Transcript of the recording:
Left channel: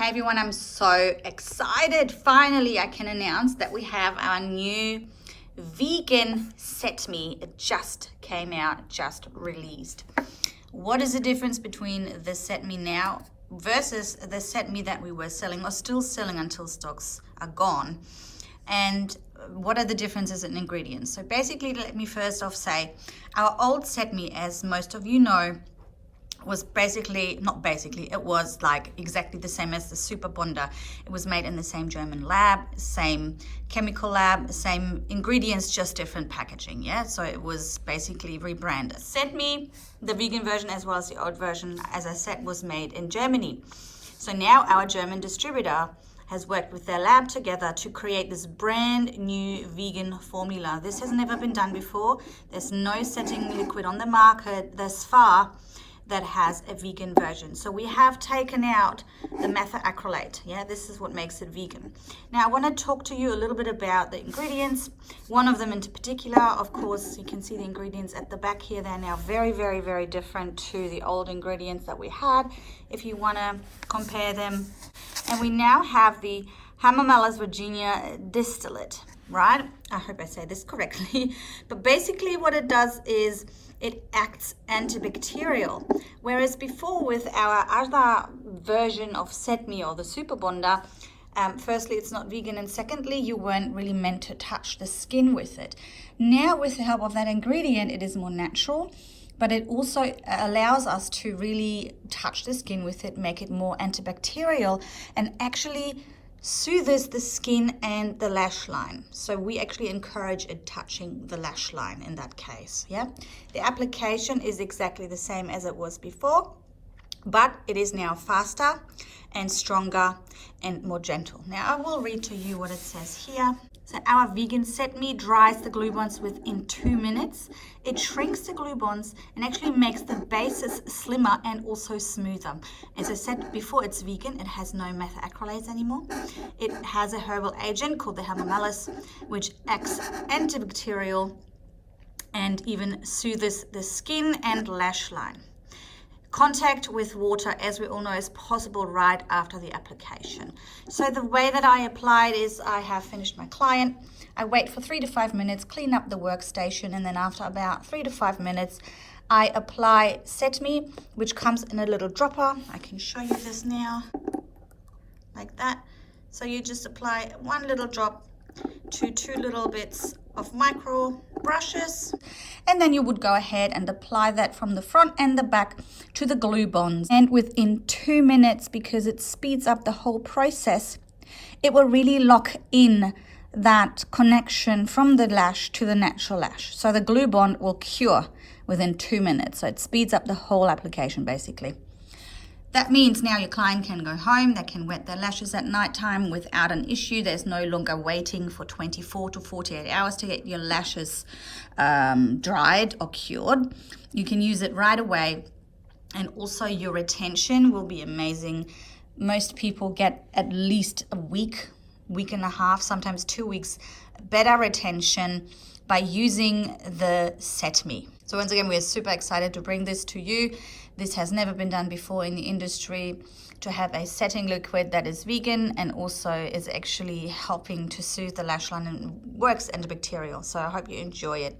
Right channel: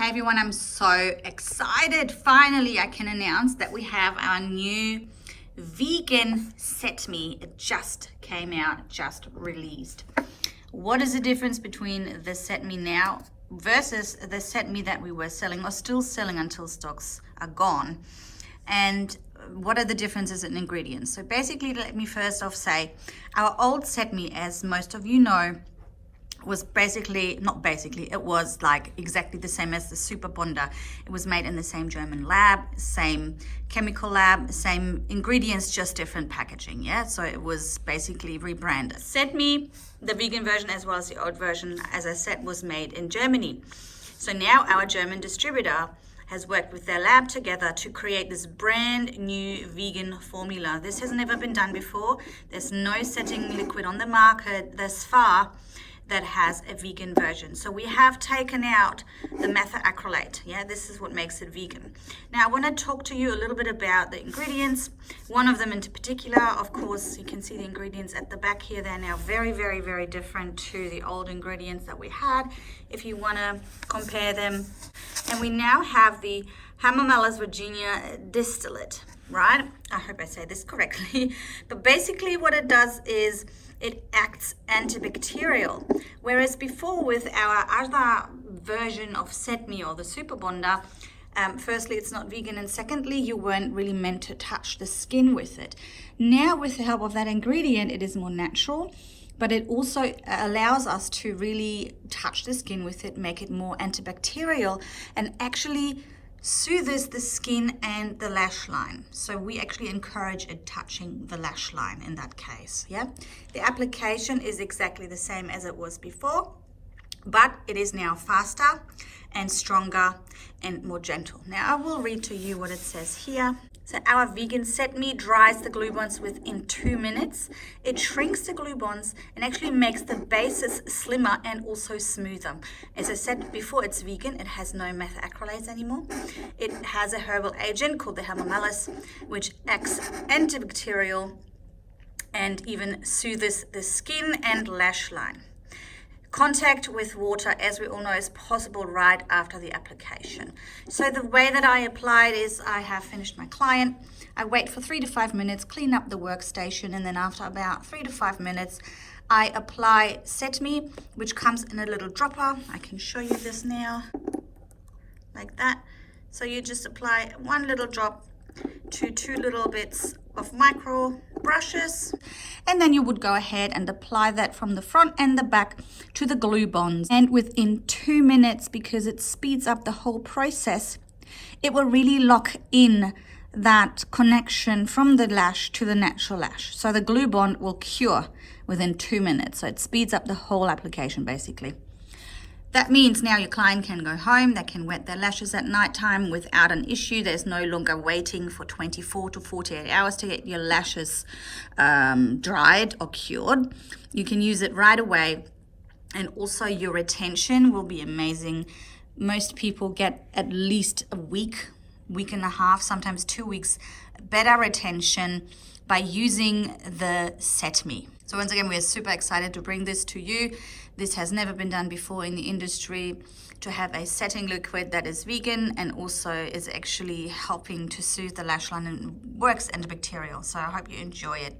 Hey everyone, I'm so excited. Finally, I can announce that we have our new vegan Set Me. It just came out, just released. What is the difference between the Set Me now versus the Set Me that we were selling or still selling until stocks are gone? And what are the differences in ingredients? So basically, let me first off say, our old Set Me, as most of you know, was it was like exactly the same as the Super Bonder. It was made in the same German lab, same chemical lab, same ingredients, just different packaging, yeah? So it was basically rebranded. Set Me, the vegan version as well as the old version, as I said, was made in Germany. So now our German distributor has worked with their lab together to create this brand new vegan formula. This has never been done before. There's no setting liquid on the market thus far that has a vegan version. So we have taken out the methacrylate. Yeah, this is what makes it vegan. Now I want to talk to you a little bit about the ingredients. One of them in particular, of course, you can see the ingredients at the back here. They're now very, very, very different to the old ingredients that we had, if you want to compare them. And we now have the Hamamelis Virginia distillate, right? I hope I say this correctly. But basically what it does is it acts antibacterial. Whereas before with our other version of Set Me or the Super Bonder, firstly, it's not vegan, and secondly, you weren't really meant to touch the skin with it. Now, with the help of that ingredient, it is more natural, but it also allows us to really touch the skin with it, make it more antibacterial, and actually soothes the skin and the lash line. So we actually encourage it touching the lash line in that case, yeah? The application is exactly the same as it was before, but it is now faster and stronger and more gentle. Now I will read to you what it says here. So our vegan Set Me dries the glue bonds within 2 minutes. It shrinks the glue bonds and actually makes the bases slimmer and also smoother. As I said before, it's vegan. It has no methacrylates anymore. It has a herbal agent called the Hamamelis, which acts antibacterial and even soothes the skin and lash line. Contact with water, as we all know, is possible right after the application. So the way that I apply it is I have finished my client. I wait for 3 to 5 minutes, clean up the workstation, and then after about 3 to 5 minutes, I apply Set Me, which comes in a little dropper. I can show you this now, like that. So you just apply 1 little drop to 2 little bits of micro brushes, and then you would go ahead and apply that from the front and the back to the glue bonds. And within 2 minutes, because it speeds up the whole process, it will really lock in that connection from the lash to the natural lash. So the glue bond will cure within 2 minutes. So it speeds up the whole application basically. That means now your client can go home, they can wet their lashes at nighttime without an issue. There's no longer waiting for 24 to 48 hours to get your lashes dried or cured. You can use it right away, and also your retention will be amazing. Most people get at least a week, week and a half, sometimes 2 weeks, better retention by using the Set Me. So once again, we're super excited to bring this to you. This has never been done before in the industry, to have a setting liquid that is vegan and also is actually helping to soothe the lash line and works antibacterial. So I hope you enjoy it.